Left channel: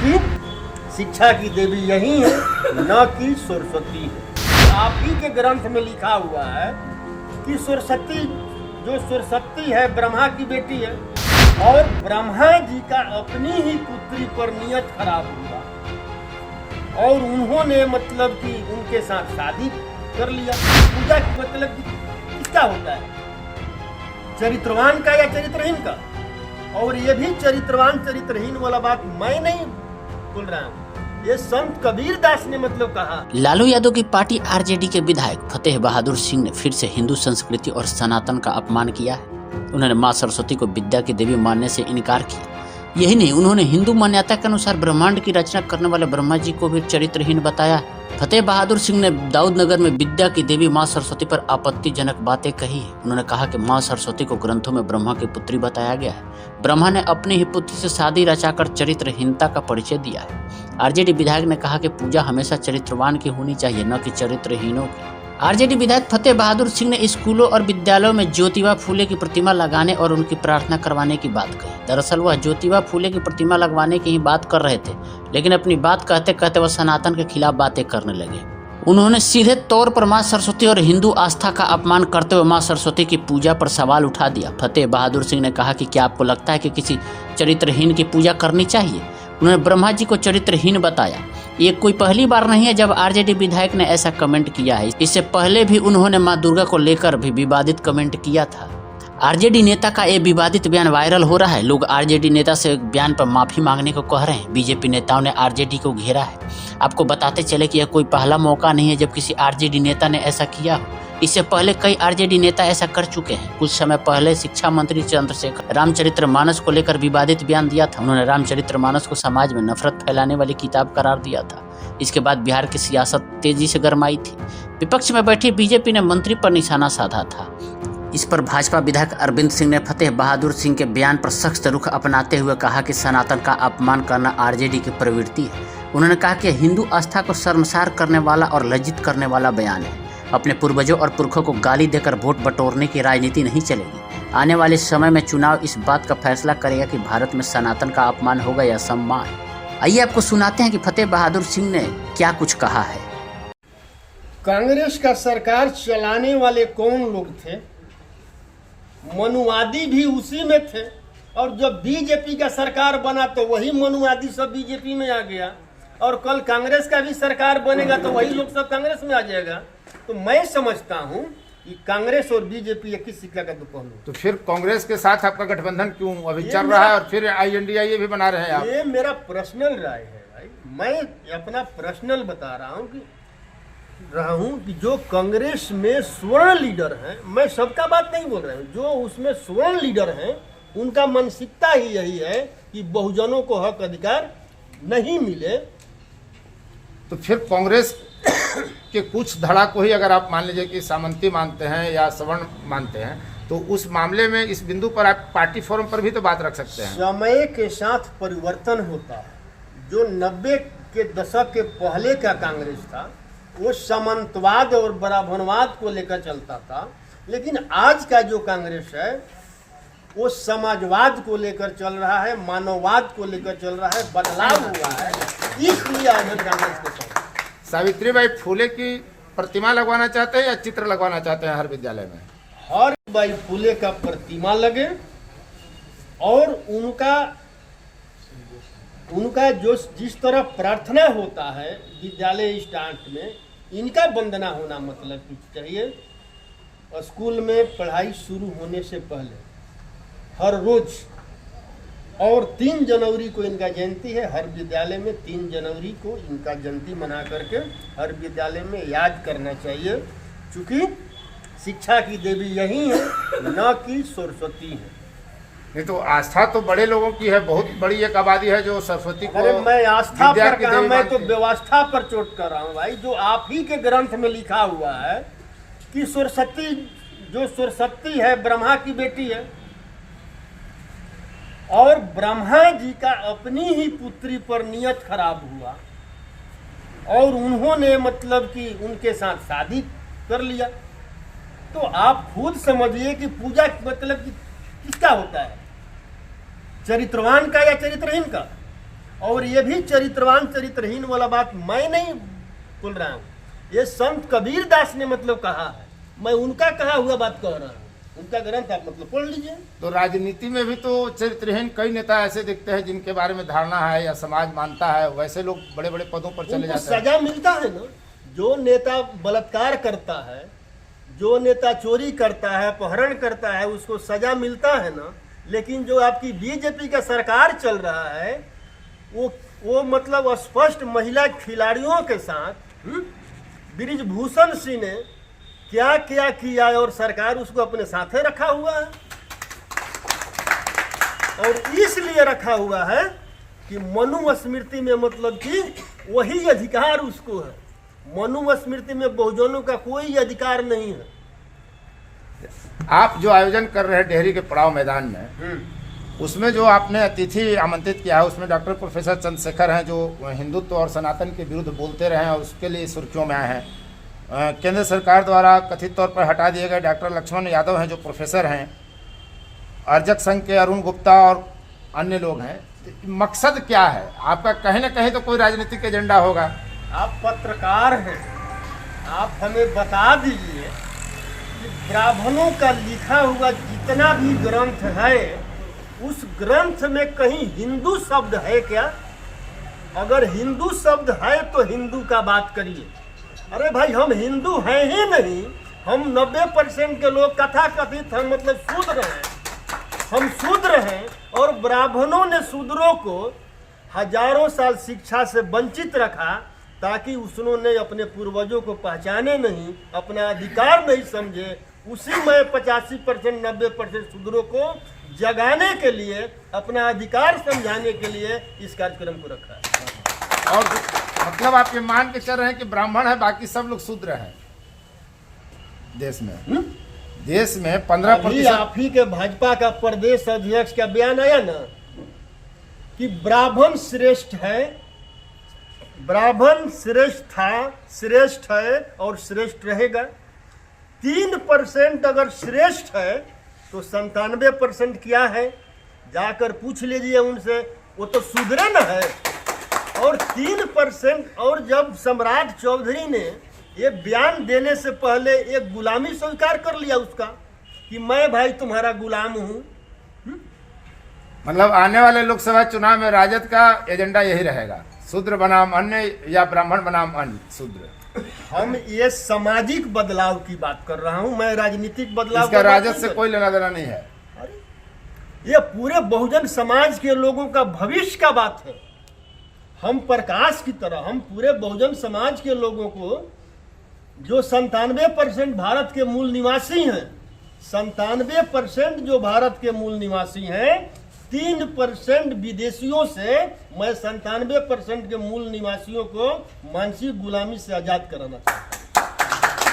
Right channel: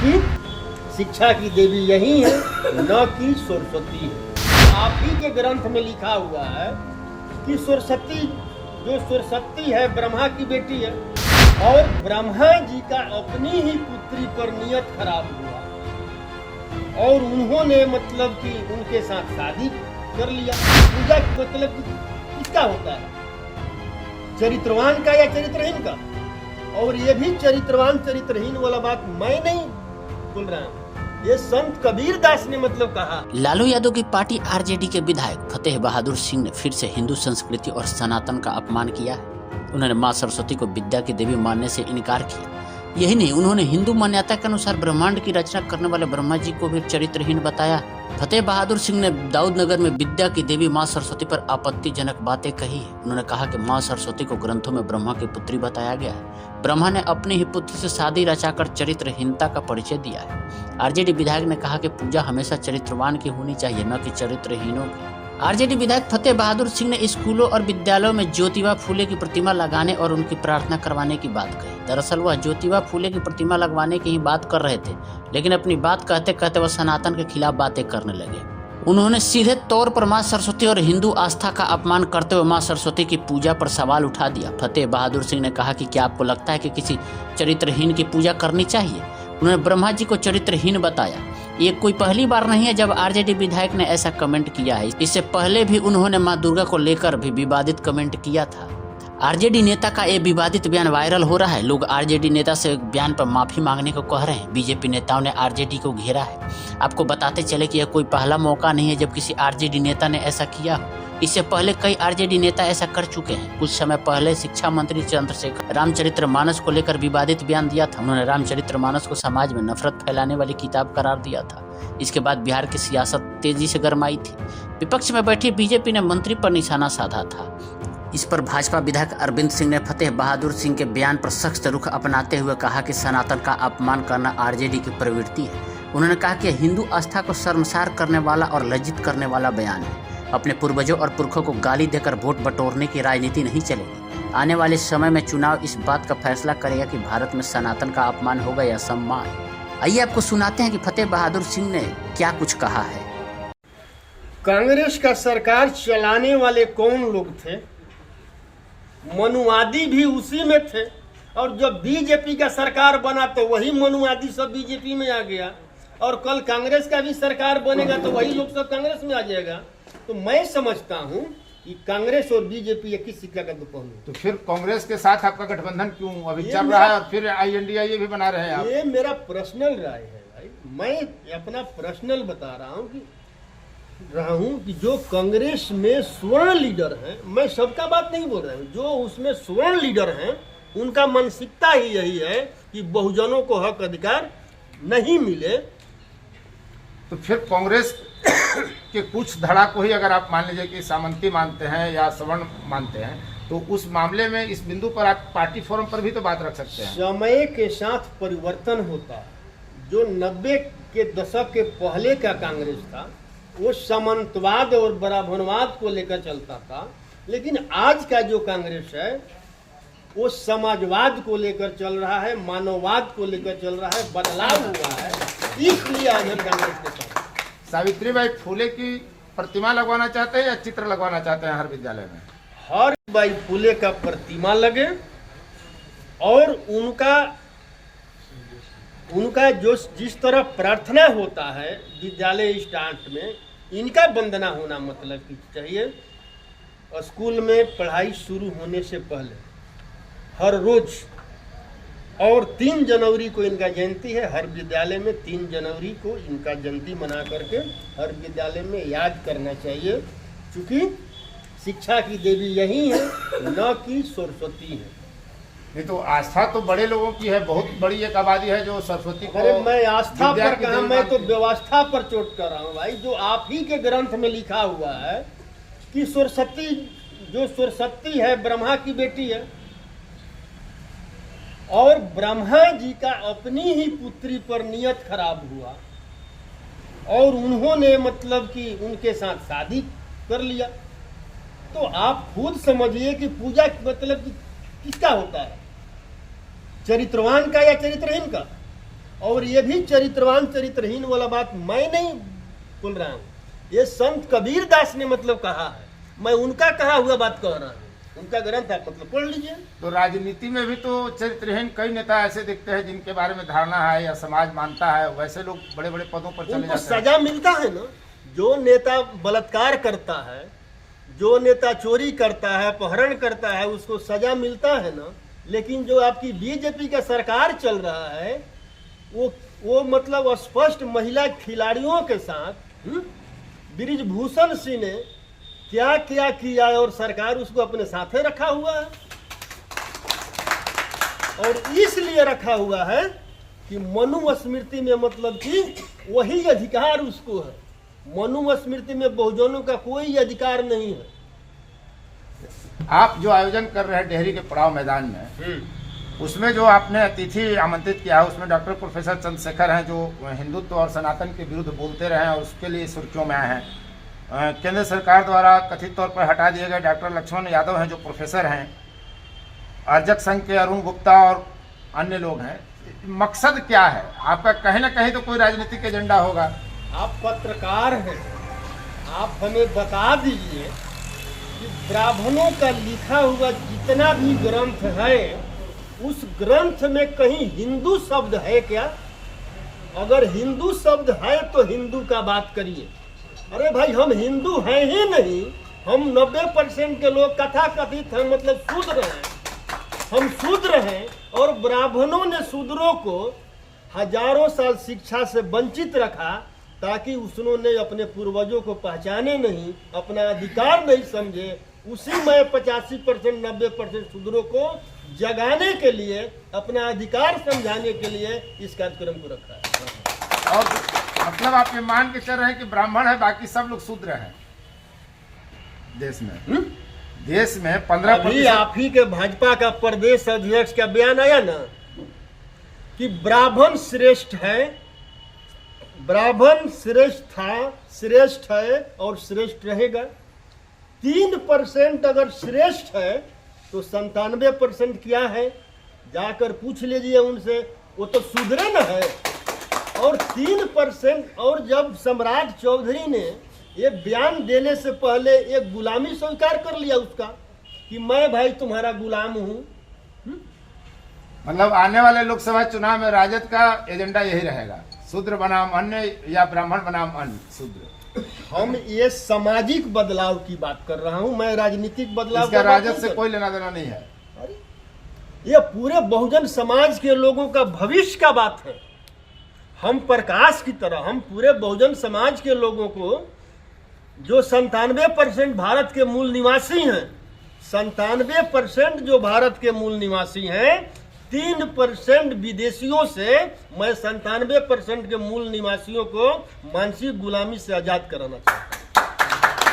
क्योंकि शिक्षा की देवी यही है, न कि सरस्वती है। आप ही के ग्रंथ में लिखा हुआ है कि सरस्वती है ब्रह्मा की बेटी है, और ब्रह्मा जी का अपनी ही पुत्री पर नियत खराब हुआ और उन्होंने मतलब कि उनके साथ शादी कर लिया। पूजा मतलब कि किसका होता है, चरित्रवान का या चरित्रहीन का? और ये भी चरित्रवान चरित्रहीन वाला बात मैं नहीं बोल रहा हूँ, ये संत कबीर दास ने मतलब कहा। लालू यादव की पार्टी आरजेडी के विधायक फतेह बहादुर सिंह ने फिर से हिंदू संस्कृति और सनातन का अपमान किया है। उन्होंने मां सरस्वती को विद्या की देवी मानने से इनकार किया। यही नहीं, उन्होंने हिंदू मान्यता के अनुसार ब्रह्मांड की रचना करने वाले ब्रह्मा जी को भी चरित्रहीन बताया। फतेह बहादुर सिंह ने दाऊदनगर में विद्या की देवी मां सरस्वती पर आपत्तिजनक बातें कही है। उन्होंने कहा कि मां सरस्वती को ग्रंथों में ब्रह्मा की पुत्री बताया गया है। ब्रह्मा ने अपने ही पुत्र से शादी रचाकर चरित्रहीनता का परिचय दिया है। आरजेडी विधायक ने कहा कि पूजा हमेशा चरित्रवान की होनी चाहिए, न कि चरित्रहीनों की। आरजेडी विधायक फतेह बहादुर सिंह ने स्कूलों और विद्यालयों में ज्योतिबा फूले की प्रतिमा लगाने और उनकी प्रार्थना करवाने की बात कही। दरअसल वह ज्योतिबा फूले की प्रतिमा लगवाने की ही बात कर रहे थे, लेकिन अपनी बात कहते कहते वह सनातन के खिलाफ बातें करने लगे। उन्होंने सीधे तौर पर मां सरस्वती और हिंदू आस्था का अपमान करते हुए मां सरस्वती की पूजा पर सवाल उठा दिया। फतेह बहादुर सिंह ने कहा कि क्या आपको लगता है कि किसी चरित्रहीन की पूजा करनी चाहिए? उन्होंने ब्रह्मा जी को चरित्रहीन बताया। ये कोई पहली बार नहीं है जब आरजेडी विधायक ने ऐसा कमेंट किया है। इससे पहले भी उन्होंने मां दुर्गा को लेकर भी विवादित कमेंट किया था। आरजेडी नेता का ये विवादित बयान वायरल हो रहा है। लोग आरजेडी नेता से बयान पर माफी मांगने को कह रहे हैं। बीजेपी नेताओं ने आरजेडी को घेरा है। आपको बताते चले कि यह कोई पहला मौका नहीं है जब किसी आरजेडी नेता ने ऐसा किया। इससे पहले कई आरजेडी नेता ऐसा कर चुके हैं। कुछ समय पहले शिक्षा मंत्री चंद्रशेखर रामचरितमानस को लेकर विवादित बयान दिया था। उन्होंने रामचरितमानस को समाज में नफरत फैलाने वाली किताब करार दिया था। इसके बाद बिहार की सियासत तेजी से गरमाई थी। विपक्ष में बैठी बीजेपी ने मंत्री पर निशाना साधा था। इस पर भाजपा विधायक अरविंद सिंह ने फतेह बहादुर सिंह के बयान पर सख्त रुख अपनाते हुए कहा कि सनातन का अपमान करना आरजेडी की प्रवृत्ति है। उन्होंने कहा कि हिंदू आस्था को शर्मसार करने वाला और लज्जित करने वाला बयान है। अपने पूर्वजों और पुरखों को गाली देकर वोट बटोरने की राजनीति नहीं चलेगी। आने वाले समय में चुनाव इस बात का फैसला करेगा कि भारत में सनातन का अपमान होगा या सम्मान। आइए आपको सुनाते हैं कि फतेह बहादुर सिंह ने क्या कुछ कहा है। कांग्रेस का सरकार चलाने वाले कौन लोग थे? मनुवादी भी उसी में थे, और जब बीजेपी का सरकार बना तो वही मनुवादी सब बीजेपी में आ गया, और कल कांग्रेस का भी सरकार बनेगा तो वही लोग सब कांग्रेस में आ जाएगा। तो मैं समझता हूँ कि कांग्रेस और बीजेपी एक ही सिक्का का दो पहलू। तो फिर कांग्रेस के साथ आपका गठबंधन क्यों अभी चल रहा है और फिर INDIA भी बना रहे हैं आप? ये मेरा पर्सनल राय है भाई, मैं अपना पर्सनल बता रहा हूँ कि जो कांग्रेस में स्वर्ण लीडर हैं, मैं सबका बात नहीं बोल रहा हूँ, जो उसमें स्वर्ण लीडर हैं उनका मानसिकता ही यही है कि बहुजनों को हक अधिकार नहीं मिले। तो फिर कांग्रेस के कुछ धड़ा को ही अगर आप मान लीजिए कि सामंती मानते हैं या सवर्ण मानते हैं, तो उस मामले में इस बिंदु पर आप पार्टी फोरम पर भी तो बात रख सकते हैं। समय के साथ परिवर्तन होता है। जो 90 के दशक के पहले का कांग्रेस था वो सामंतवाद और ब्राह्मणवाद को लेकर चलता था, लेकिन आज का जो कांग्रेस है वो समाजवाद को लेकर चल रहा है, मानववाद को लेकर चल रहा है, बदलाव हुआ है, इसलिए आज हम कांग्रेस के साथ। सावित्रीबाई फुले की प्रतिमा लगवाना चाहते हैं या चित्र लगवाना चाहते हैं हर विद्यालय में? हर बाई फुले का प्रतिमा लगे और उनका जो जिस तरह प्रार्थना होता है विद्यालय स्टार्ट में, इनका वंदना होना मतलब कि चाहिए। स्कूल में पढ़ाई शुरू होने से पहले हर रोज, और 3 जनवरी को इनका जयंती है, हर विद्यालय में 3 जनवरी को इनका जयंती मना करके हर विद्यालय में याद करना चाहिए, क्योंकि शिक्षा की देवी यही है, न कि सरस्वती है। नहीं तो आस्था तो बड़े लोगों की है, बहुत बड़ी एक आबादी है जो सरस्वती को। अरे मैं आस्था पर कहा, मैं तो व्यवस्था पर चोट कर रहा हूँ भाई। जो आप ही के ग्रंथ में लिखा हुआ है कि सरस्वती है ब्रह्मा की बेटी है, और ब्रह्मा जी का अपनी ही पुत्री पर नियत खराब हुआ और उन्होंने मतलब कि उनके साथ शादी कर लिया। तो आप खुद समझिए कि पूजा मतलब कि किसका होता है, चरित्रवान का या चरित्रहीन का? और ये भी चरित्रवान चरित्रहीन वाला बात मैं नहीं बोल रहा हूँ, ये संत कबीर दास ने मतलब कहा है, मैं उनका कहा हुआ बात कह रहा हूँ, उनका ग्रंथ आप मतलब पढ़ लीजिए। तो राजनीति में भी तो चरित्रहीन कई नेता ऐसे दिखते हैं जिनके बारे में धारणा है या समाज मानता है, वैसे लोग बड़े बड़े पदों पर चले उनको जाते हैं। सजा मिलता है ना। जो नेता बलात्कार करता है, जो नेता चोरी करता है, अपहरण करता है, उसको सजा मिलता है ना। लेकिन जो आपकी बीजेपी का सरकार चल रहा है वो मतलब स्पष्ट महिला खिलाड़ियों के साथ बृजभूषण सिंह ने क्या क्या किया और सरकार उसको अपने साथे रखा हुआ है। और इसलिए रखा हुआ है कि मनुस्मृति में मतलब कि वही अधिकार उसको है। मनुस्मृति में बहुजनों का कोई अधिकार नहीं है। आप जो आयोजन कर रहे हैं डेहरी के पड़ाव मैदान में, उसमें जो आपने अतिथि आमंत्रित किया है उसमें डॉक्टर प्रोफेसर चंद्रशेखर हैं जो हिंदुत्व और सनातन के विरुद्ध बोलते रहे हैं, उसके लिए सुर्खियों में आए हैं। केंद्र सरकार द्वारा कथित तौर पर हटा दिए गए डॉक्टर लक्ष्मण यादव हैं जो प्रोफेसर हैं, अर्जक संघ के अरुण गुप्ता और अन्य लोग हैं। मकसद क्या है आपका? कहीं ना कहीं तो कोई राजनीतिक एजेंडा होगा। आप पत्रकार हैं, आप हमें बता दीजिए कि ब्राह्मणों का लिखा हुआ जितना भी ग्रंथ है उस ग्रंथ में कहीं हिंदू शब्द है क्या? अगर हिंदू शब्द है तो हिंदू का बात करिए। अरे भाई हम हिंदू हैं ही नहीं, हम 90% के लोग कथा कथित हम मतलब शूद्र हैं, हम शूद्र हैं। और ब्राह्मणों ने शूद्रों को हजारों साल शिक्षा से वंचित रखा ताकि उन्होंने अपने पूर्वजों को पहचाने नहीं, अपना अधिकार नहीं समझे। उसी में 85% 90% शूद्रों को जगाने के लिए, अपना अधिकार समझाने के लिए इस कार्यक्रम को रखा है। और मतलब आप ये मान के चल रहे हैं कि ब्राह्मण है बाकी सब लोग शूद्र हैं देश में? देश में 15% अभी आप ही के भाजपा का प्रदेश अध्यक्ष का बयान आया ना कि ब्राह्मण श्रेष्ठ है, ब्राह्मण श्रेष्ठ था, श्रेष्ठ है और श्रेष्ठ रहेगा। 3% अगर श्रेष्ठ है तो 97% क्या है? जाकर पूछ लीजिए उनसे, वो तो शूद्र न है। और 3% और जब सम्राट चौधरी ने ये बयान देने से पहले एक गुलामी स्वीकार कर लिया उसका कि मैं भाई तुम्हारा गुलाम हूं। मतलब आने वाले लोकसभा चुनाव में राजद का एजेंडा यही रहेगा, शूद्र बनाम अन्य या ब्राह्मण बनाम अन्य शूद्र। हम ये सामाजिक बदलाव की बात कर रहा हूं, मैं राजनीतिक बदलाव इसका राजद से कोई लेना देना नहीं है। ये पूरे बहुजन समाज के लोगों का भविष्य का बात है। हम प्रकाश की तरह, हम पूरे बहुजन समाज के लोगों को जो 97% भारत के मूल निवासी हैं, 97% जो भारत के मूल निवासी हैं, 3% विदेशियों से मैं 97% के मूल निवासियों को मानसिक गुलामी से आजाद कराना चाहता हूं।